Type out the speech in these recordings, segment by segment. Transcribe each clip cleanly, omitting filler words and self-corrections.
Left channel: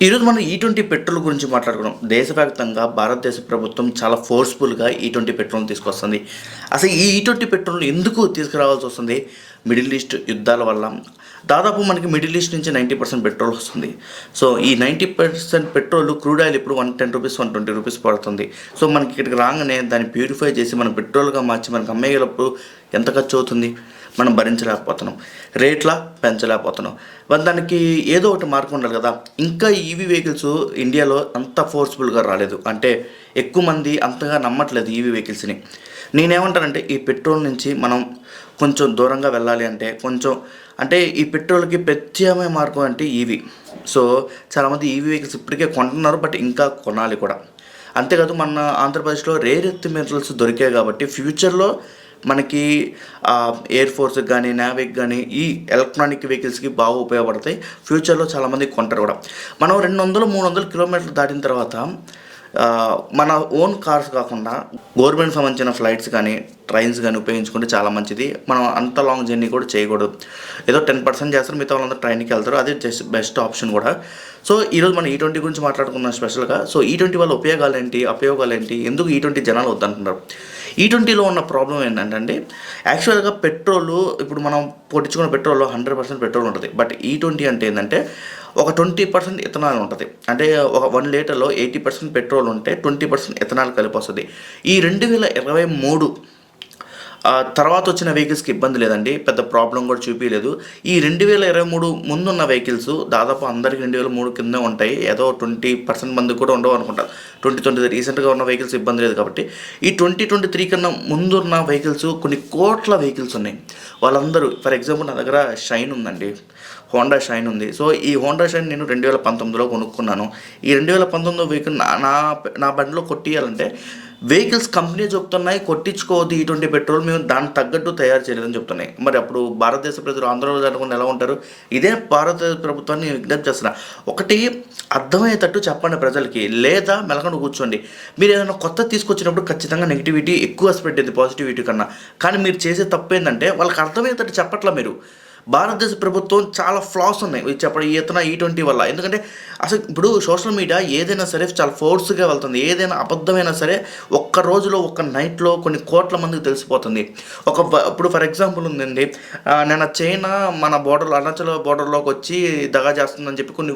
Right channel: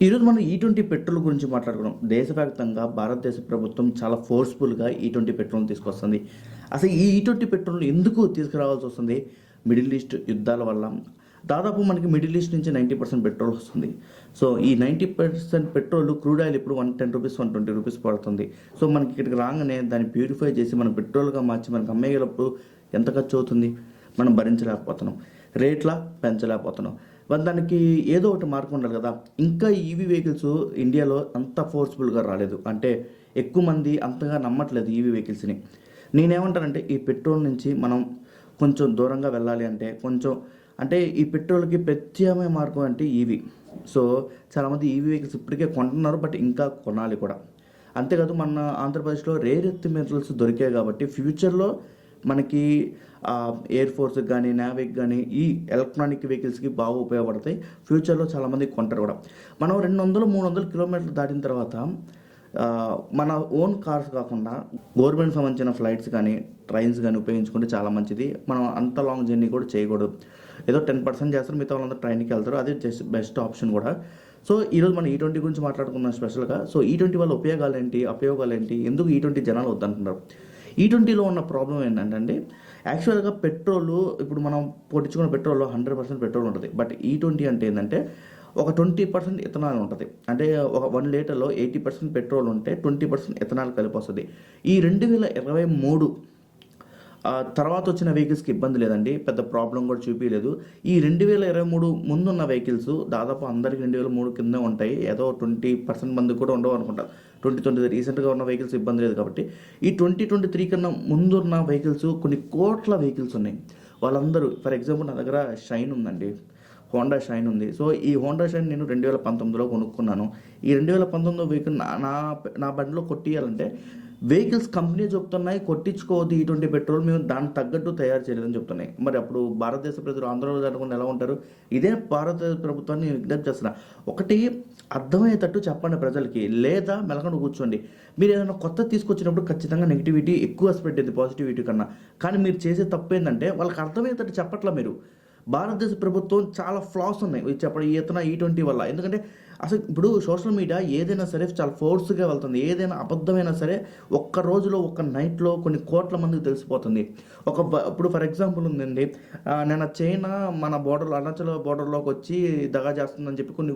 ఈరోజు మనం ఈ20 పెట్రోల్ గురించి మాట్లాడుకున్నాం. దేశవ్యాప్తంగా భారతదేశ ప్రభుత్వం చాలా ఫోర్స్‌ఫుల్‌గా ఈ20 పెట్రోల్‌ని తీసుకొస్తుంది. అసలు ఈ ఈ20 పెట్రోల్‌ని ఎందుకు తీసుకురావాల్సి వస్తుంది? మిడిల్ ఈస్ట్ యుద్ధాల వల్ల. దాదాపు మనకి మిడిల్ ఈస్ట్ నుంచి 90% పెట్రోల్ వస్తుంది. సో, ఈ 90% పెట్రోల్ క్రూడ్ ఆయిల్ ఇప్పుడు రూ. 110, రూ. 120 పడుతుంది. సో, మనకి ఇక్కడికి రాగానే దాన్ని ప్యూరిఫై చేసి మనం పెట్రోల్‌గా మార్చి మనకు అమ్మేటప్పుడు ఎంత ఖర్చు అవుతుంది? మనం భరించలేకపోతున్నాం. రేట్ల పెంచలేకపోతున్నాం. మరి దానికి ఏదో ఒకటి మార్గం ఉండాలి కదా! ఇంకా ఈవీ వెహికల్స్ ఇండియాలో అంత ఫోర్స్‌ఫుల్‌గా రాలేదు. అంటే ఎక్కువ మంది అంతగా నమ్మట్లేదు ఈవీ వెహికల్స్‌ని. నేనేమంటానంటే ఈ పెట్రోల్ నుంచి మనం కొంచెం దూరంగా వెళ్ళాలి అంటే అంటే ఈ పెట్రోల్‌కి ప్రత్యామ్నాయ మార్గం అంటే ఈవీ. సో, చాలామంది ఈవీ వెహికల్స్ ఇప్పటికే కొంటున్నారు. బట్ ఇంకా కొనాలి కూడా. అంతేకాదు మన ఆంధ్రప్రదేశ్‌లో రేర్ ఎర్త్ మినరల్స్ దొరికాయి కాబట్టి ఫ్యూచర్‌లో మనకి ఎయిర్ ఫోర్స్‌కి గానీ, నేవీకి గానీ ఈ ఎలక్ట్రానిక్ వెహికల్స్‌కి బాగా ఉపయోగపడతాయి. ఫ్యూచర్‌లో చాలామంది కొంటారు కూడా. మనం 200, 300 కిలోమీటర్లు దాటిన తర్వాత మన ఓన్ కార్స్ కాకుండా గవర్నమెంట్ సంబంధించిన ఫ్లైట్స్ కానీ, ట్రైన్స్ గానీ ఉపయోగించుకుంటే చాలా మంచిది. మనం అంత లాంగ్ జర్నీ కూడా చేయకూడదు. ఏదో 10% చేస్తారు. మిగతా వాళ్ళందరూ ట్రైన్‌కి వెళ్తారు. అదే బెస్ట్ ఆప్షన్ కూడా. సో, ఈరోజు మనం ఈ20 గురించి మాట్లాడుకుందాం స్పెషల్‌గా. సో, ఈ20 వల్ల ఉపయోగాలేంటి? అపయోగాలేంటి? ఎందుకు ఈ20 జనాలు వద్దంటున్నారు? ఈ20లో ఉన్న ప్రాబ్లమ్ ఏంటంటే యాక్చువల్‌గా పెట్రోలు ఇప్పుడు మనం కొట్టించుకున్న పెట్రోల్‌లో 100% పెట్రోల్ ఉంటది. బట్ ఈ20 అంటే ఏందంటే ఒక 20% ఇథనాల్ ఉంటది. అంటే ఒక 1 లీటర్‌లో 80% పెట్రోల్ ఉంటే 20% ఇథనాల్ కలిపొస్తది. ఈ 2023 తర్వాత వచ్చిన వెహికల్స్‌కి ఇబ్బంది లేదండి. పెద్ద ప్రాబ్లమ్ కూడా చూపియలేదు. ఈ 2023 ముందున్న వెహికల్స్ దాదాపు అందరికి 2003 కిందే ఉంటాయి. ఏదో 20% మందికి కూడా ఉండవనుకుంటా. 2023 రీసెంట్‌గా ఉన్న వెహికల్స్ ఇబ్బంది లేదు కాబట్టి. ఈ 2023 కన్నా ముందున్న వెహికల్స్ కొన్ని కోట్ల వెహికల్స్ ఉన్నాయి. వాళ్ళందరూ ఫర్ ఎగ్జాంపుల్ నా దగ్గర షైన్ ఉందండి. హోండా షైన్ ఉంది. సో, ఈ హోండా షైన్ నేను 2019లో కొనుక్కున్నాను. ఈ 2019 వెహికల్ నా నా నా బండిలో కొట్టియాలంటే వెహికల్స్ కంపెనీ చెప్తున్నాయి కొట్టించుకోవద్దు ఈ20 పెట్రోల్ మేము దానికి తగ్గట్టు తయారు చేయలేదని చెప్తున్నాయి. మరి అప్పుడు భారతదేశ ప్రజలు ఆందోళన జరగకుండా ఎలా ఉంటారు? ఇదే భారత ప్రభుత్వాన్ని విజ్ఞప్తి చేస్తున్నా. ఒకటి అర్థమయ్యేటట్టు చెప్పండి ప్రజలకి. లేదా మెలకుండా కూర్చోండి. మీరు ఏదైనా కొత్తది తీసుకొచ్చినప్పుడు ఖచ్చితంగా నెగిటివిటీ ఎక్కువ స్ప్రెడ్ అయ్యిద్ది పాజిటివిటీ కన్నా. కానీ మీరు చేసే తప్పేందంటే వాళ్ళకి అర్థమయ్యేటట్టు చెప్పట్లా మీరు. భారతదేశ ప్రభుత్వం చాలా ఫ్లాస్ ఉన్నాయి. ఇది చెప్పడం ఈ20 వల్ల. ఎందుకంటే అసలు ఇప్పుడు సోషల్ మీడియా ఏదైనా సరే చాలా ఫోర్స్‌గా వెళ్తుంది. ఏదైనా అబద్ధమైనా సరే ఒక్క రోజులో, ఒక్క నైట్‌లో కొన్ని కోట్ల మందికి తెలిసిపోతుంది. ఇప్పుడు ఫర్ ఎగ్జాంపుల్ ఉందండి. నిన్న చైనా మన బోర్డర్‌లో అరుణాచల్ బోర్డర్‌లోకొచ్చి దగా చేస్తుందని చెప్పి కొన్ని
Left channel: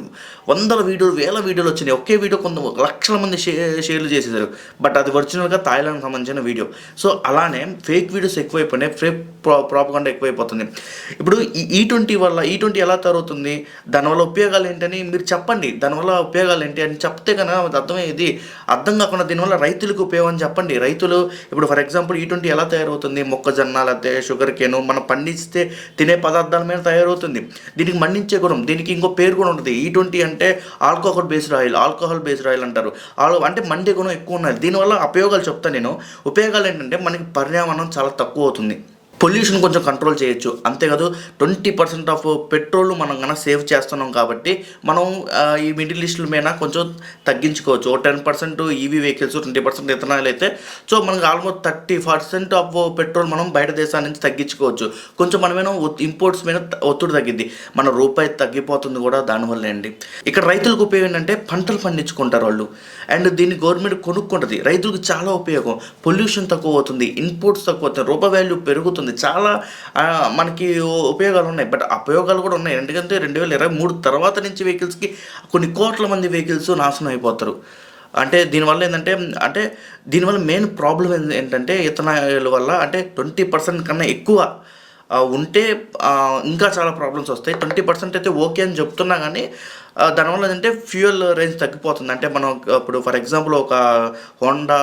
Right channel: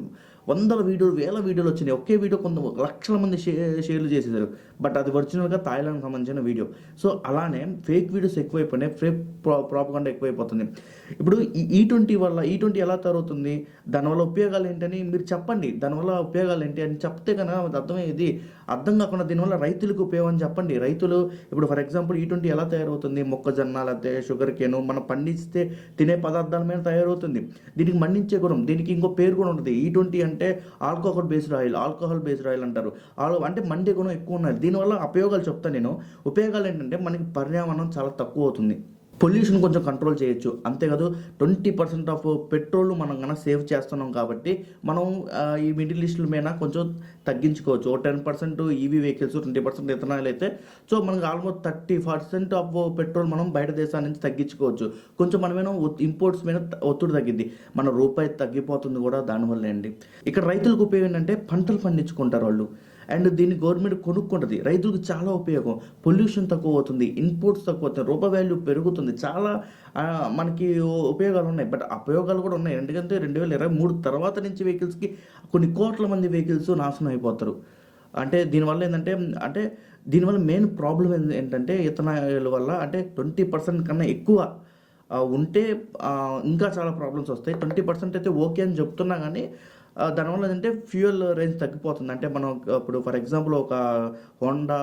వందల వీడియోలు, వేల వీడియోలు వచ్చినాయి. ఒకే వీడియో లక్షల మంది షేర్లు చేసేసారు. బట్ అది ఒరిజినల్‌గా థాయిలాండ్‌కి సంబంధించిన వీడియో. సో, అలానే ఫేక్ వీడియోస్ ఎక్కువైపోయినాయి. ఫేక్ ప్రాపగండా ఎక్కువైపోతుంది. ఇప్పుడు ఈ20 వల్ల ఈ20 ఎలా తయారవుతుంది? దానివల్ల ఉపయోగాలు ఏంటని మీరు చెప్పండి. దానివల్ల ఉపయోగాలు ఏంటి అని చెప్తే గనక అది అర్థమయ్యేది. అర్థం కాకుండా దీనివల్ల రైతులకు ఉపయోగం అని చెప్పండి. రైతులు ఇప్పుడు ఫర్ ఎగ్జాంపుల్ ఈ20 ఎలా తయారవుతుంది? మొక్కజొన్న లేకపోతే షుగర్ కేను మనం పండిస్తే తినే పదార్థాల మీద తయారవుతుంది. దీనికి మండించే గుణం. దీనికి ఇంకో పేరు కూడా ఉంటది. ఈ20 అంటే ఆల్కహాల్ బేస్డ్ ఆయిల్ అంటారు. అంటే మండే గుణం ఎక్కువ ఉన్నది. దీనివల్ల అపయోగాలు చెప్తాను నేను. ఉపయోగాలు ఏంటంటే మనకి పర్యావరణం చాలా తక్కువ అవుతుంది. పొల్యూషన్ కొంచెం కంట్రోల్ చేయొచ్చు. అంతేకాదు 20% ఆఫ్ పెట్రోల్ మనం గనక సేవ్ చేస్తున్నాం కాబట్టి మనం ఈ మిడిల్ ఈస్ట్‌ల మీద కొంచెం తగ్గించుకోవచ్చు. ఓ 10% ఈవీ వెహికల్స్, 20% ఇథనాల్ అయితే సో, మనకు ఆల్మోస్ట్ 30% ఆఫ్ పెట్రోల్ మనం బయట దేశాల నుంచి తగ్గించుకోవచ్చు. కొంచెం మనమేమో ఇంపోర్ట్స్ మీద ఒత్తిడి తగ్గిద్ది. మన రూపాయి తగ్గిపోతుంది కూడా దానివల్లే అండి. ఇక్కడ రైతులకు ఉపయోగం ఏంటంటే పంటలు పండించుకుంటారు వాళ్ళు. అండ్ దీన్ని గవర్నమెంట్ కొనుక్కుంటది. రైతులకు చాలా ఉపయోగం. పొల్యూషన్ తక్కువ అవుతుంది. ఇన్పుట్స్ తక్కువ అవుతాయి. రూపాయి వాల్యూ పెరుగుతుంది. చాలా మనకి ఉపయోగాలు ఉన్నాయి. బట్ అపయోగాలు కూడా ఉన్నాయి. ఎందుకంటే 2023 తర్వాత నుంచి వెహికల్స్‌కి కొన్ని కోట్ల మంది వెహికల్స్ నాశనం అయిపోతారు. అంటే దీనివల్ల మెయిన్ ప్రాబ్లమ్ ఏంటంటే ఇథనాల్ వల్ల అంటే 20% కన్నా ఎక్కువ ఉంటే ఇంకా చాలా ప్రాబ్లమ్స్ వస్తాయి. 20% అయితే ఓకే అని చెప్తున్నా గానీ దానివల్ల ఏంటంటే ఫ్యూయల్ రేంజ్ తగ్గిపోతుంది. అంటే మనం ఇప్పుడు ఫర్ ఎగ్జాంపుల్ ఒక హోండా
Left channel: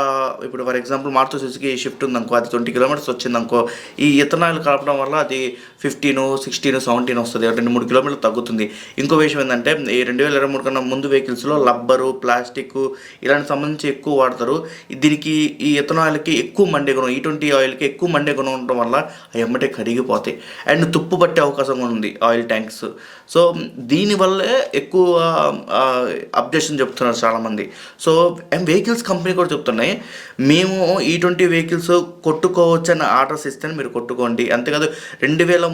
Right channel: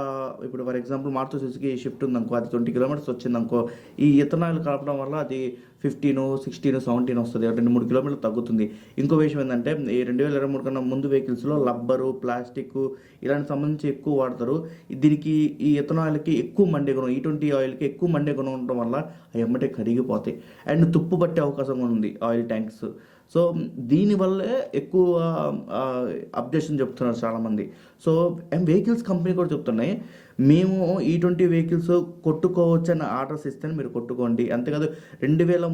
ఇప్పుడు for example Maruti Suzuki Swift ఉందనుకో, అది 20 కిలోమీటర్స్ వచ్చిందనుకో, ఈ ఇథనాల్ కలపడం వల్ల అది 15, 16, 17 వస్తది. 2, 3 కిలోమీటర్లు తగ్గుతుంది. ఇంకో విషయం ఏందంటే ఈ 2023 కన్నా ముందు వెహికల్స్‌లో రబ్బరు, ప్లాస్టిక్కు ఇలాంటి సంబంధించి ఎక్కువ వాడతారు. దీనికి ఈ ఇథనాల్‌కి ఎక్కువ మండే గుణం, ఈ20 ఆయిల్‌కి ఎక్కువ మండే గుణం ఉండడం వల్ల అవి ఎమ్మటే కరిగిపోతాయి. అండ్ తుప్పు పట్టే అవకాశం కూడా ఉంది ఆయిల్ ట్యాంక్స్. సో, దీనివల్లే ఎక్కువ అప్డేషన్ చెప్తున్నారు చాలామంది. సో, వెహికల్స్ కంపెనీ కూడా చెప్తున్నాయి, మేము ఈ20 వెహికల్స్ కొట్టుకోవచ్చని ఆర్డర్స్ ఇస్తేనే మీరు కొట్టుకోండి. అంతేకాదు 2003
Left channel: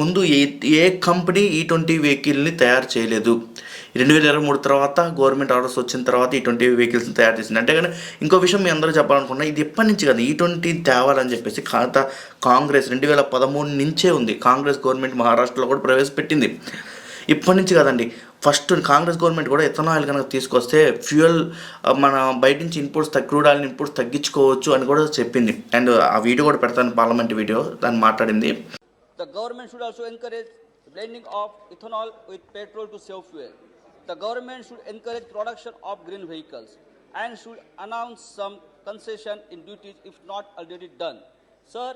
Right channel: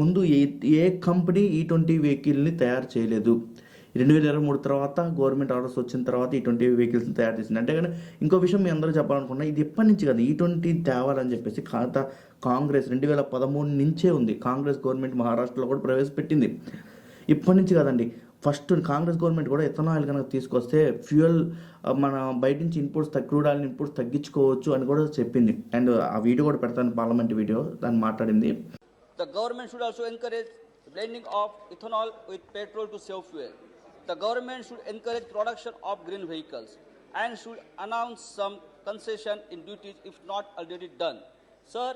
ముందు ఏ కంపెనీ ఈ20 వెహికల్ని తయారు చేయలేదు. 2023 తర్వాత గవర్నమెంట్ ఆర్డర్స్ వచ్చిన తర్వాత ఈ వెహికల్స్ని తయారు చేసింది. అంటే కానీ ఇంకో విషయం మీ అందరూ చెప్పాలనుకున్నా, ఇది ఎప్పటి నుంచి కదా ఈ తేవాలని చెప్పేసి కాంగ్రెస్ 2013 నుంచే ఉంది. కాంగ్రెస్ గవర్నమెంట్ మహారాష్ట్రలో కూడా ప్రవేశపెట్టింది. ఇప్పటి నుంచి కదండి. ఫస్ట్ కాంగ్రెస్ గవర్నమెంట్ కూడా ఎథనాల్ కనుక తీసుకొస్తే ఫ్యూయల్ మన బయట నుంచి క్రూడ్ ఆయిల్ ఇన్పుట్స్ తగ్గించుకోవచ్చు అని కూడా చెప్పింది. అండ్ ఆ వీడియో కూడా పెడతాను, పార్లమెంట్ వీడియో, దాన్ని మాట్లాడింది. The government should also encourage blending of ethanol with petrol to save fuel. The government should encourage production of green vehicles and should announce some concession in duties if not already done. Sir,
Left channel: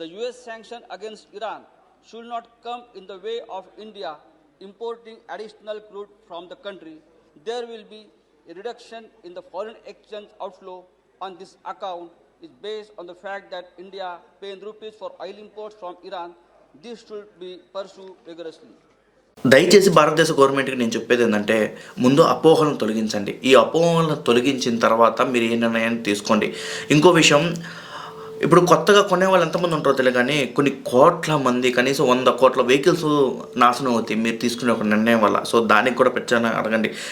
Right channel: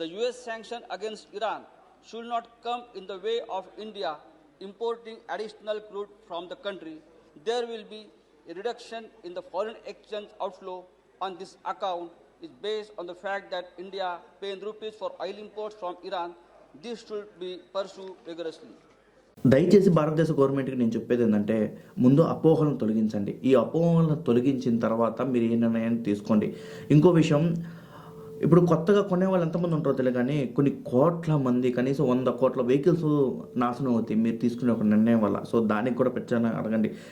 the US sanction against Iran should not come in the way of India importing additional crude from the country. There will be a reduction in the foreign exchange outflow on this account is based on the fact that India paying rupees for oil imports from Iran. This should be pursued vigorously. దయచేసి భారతదేశ గవర్నమెంట్కి నేను చెప్పేది ఏంటంటే, ముందు అపోహలను తొలగించండి. ఈ అపోహలను తొలగించిన తర్వాత మీరు ఏ నిర్ణయాన్ని తీసుకోండి. ఇంకో విషయం, ఇప్పుడు కొత్తగా కొనే వాళ్ళు ఎంతమంది ఉంటారో తెలియదు, కానీ కొన్ని కోట్ల మంది, కనీసం 100 కోట్ల వెహికల్స్ నాశనం అవుతాయి మీరు తీసుకునే ఒక నిర్ణయం వల్ల. సో దానికి కూడా ప్రచారం అడగండి.